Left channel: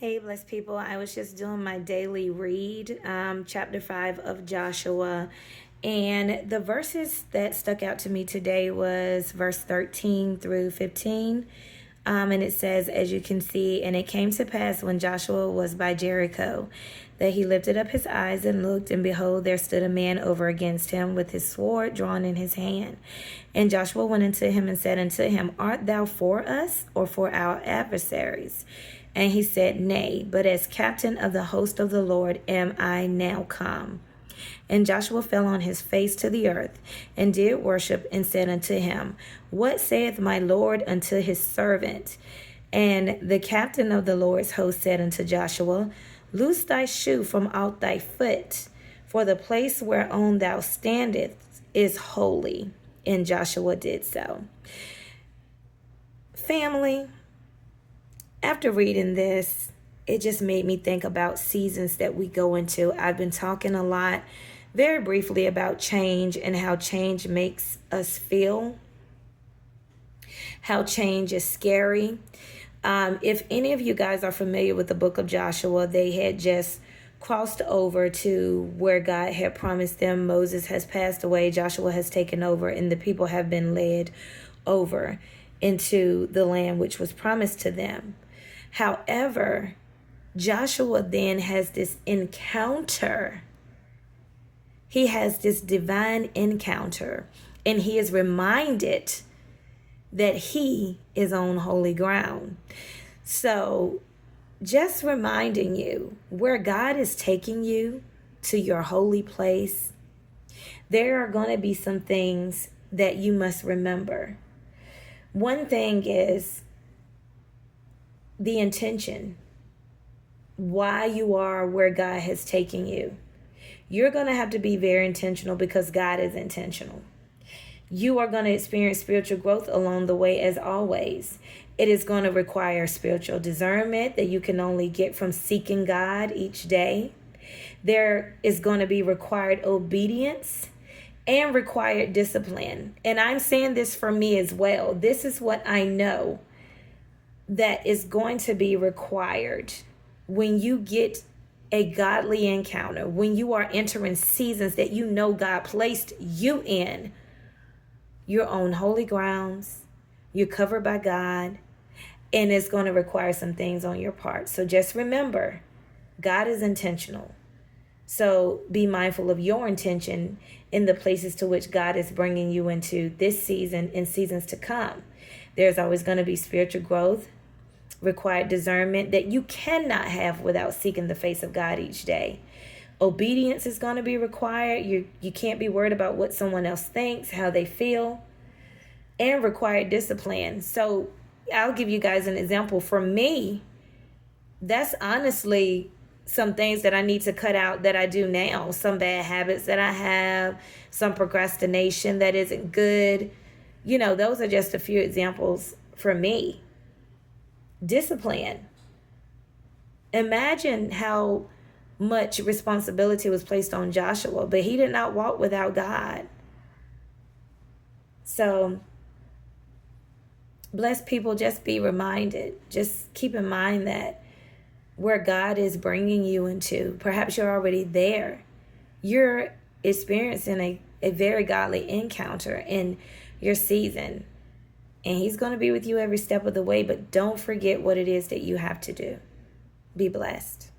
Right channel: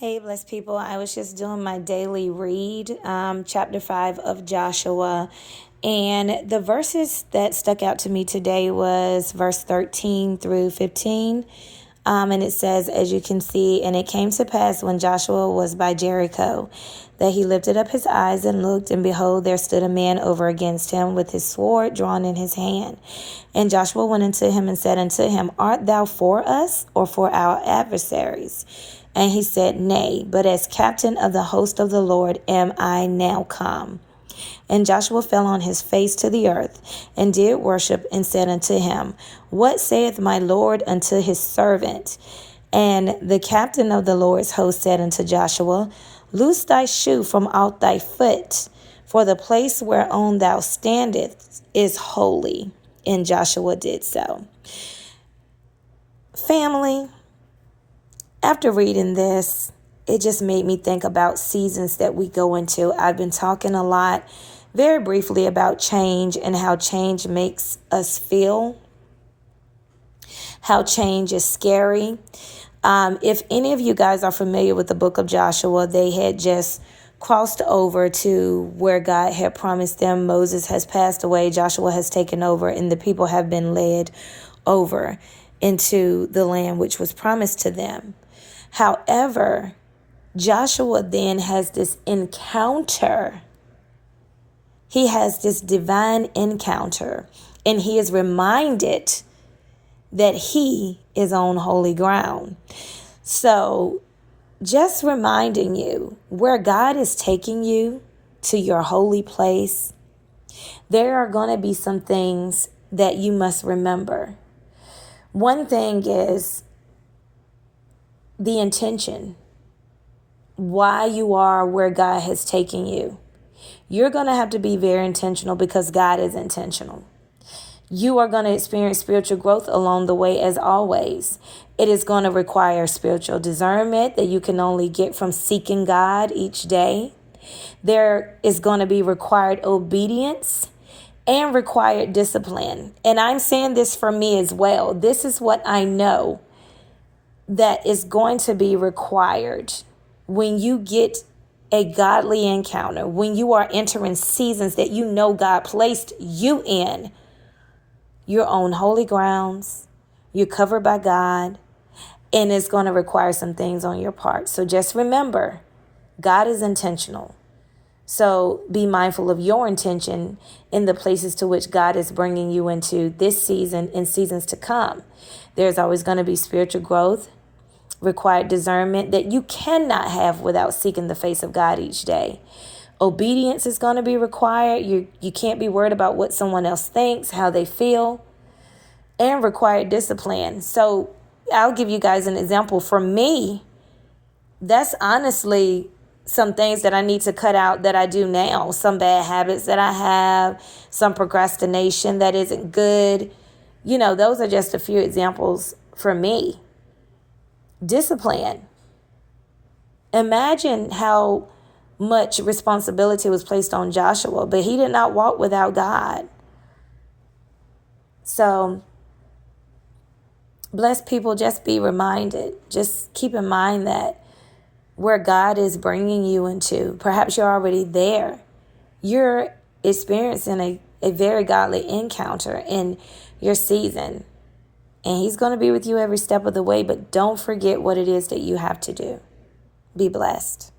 Hey, blessed people. I was just doing my daily read, chapter 5 of Joshua. And the verses that stuck out to me today was verse 13 through 15. And it says, as you can see, and it came to pass when Joshua was by Jericho, that he lifted up his eyes and looked, and behold, there stood a man over against him with his sword drawn in his hand. And Joshua went unto him and said unto him, Art thou for us or for our adversaries? And he said, Nay, but as captain of the host of the Lord am I now come. And Joshua fell on his face to the earth, and did worship, and said unto him, What saith my Lord unto his servant? And the captain of the Lord's host said unto Joshua, Loose thy shoe from out thy foot, for the place whereon thou standest is holy. And Joshua did so. Family, after reading this, it just made me think about seasons that we go into. I've been talking a lot, very briefly, about change and how change makes us feel, how change is scary. If any of you guys are familiar with the book of Joshua, they had just crossed over to where God had promised them. Moses has passed away, Joshua has taken over, and the people have been led over into the land which was promised to them. However, Joshua then has this encounter. He has this divine encounter, and he is reminded that he is on holy ground. So just reminding you where God is taking you to your holy place, there are going to be some things that you must remember. One thing is the intention, why you are where God has taken you. You're going to have to be very intentional because God is intentional. You are going to experience spiritual growth along the way as always. It is going to require spiritual discernment that you can only get from seeking God each day. There is going to be required obedience and required discipline. And I'm saying this for me as well. This is what I know that is going to be required when you get a godly encounter, when you are entering seasons that you know God placed you in. You're on holy grounds, you're covered by God, and it's going to require some things on your part. So just remember, God is intentional. So be mindful of your intention in the places to which God is bringing you into this season and seasons to come. There's always going to be spiritual growth, required discernment that you cannot have without seeking the face of God each day. Obedience is going to be required. You can't be worried about what someone else thinks, how they feel, and required discipline. So I'll give you guys an example. For me, that's honestly some things that I need to cut out that I do now. Some bad habits that I have, some procrastination that isn't good. Those are just a few examples for me. Discipline. Imagine how much responsibility was placed on Joshua, but he did not walk without God. So, blessed people, just be reminded. Just keep in mind that where God is bringing you into, perhaps you're already there. You're experiencing a very godly encounter in your season. And he's going to be with you every step of the way, but don't forget what it is that you have to do. Be blessed.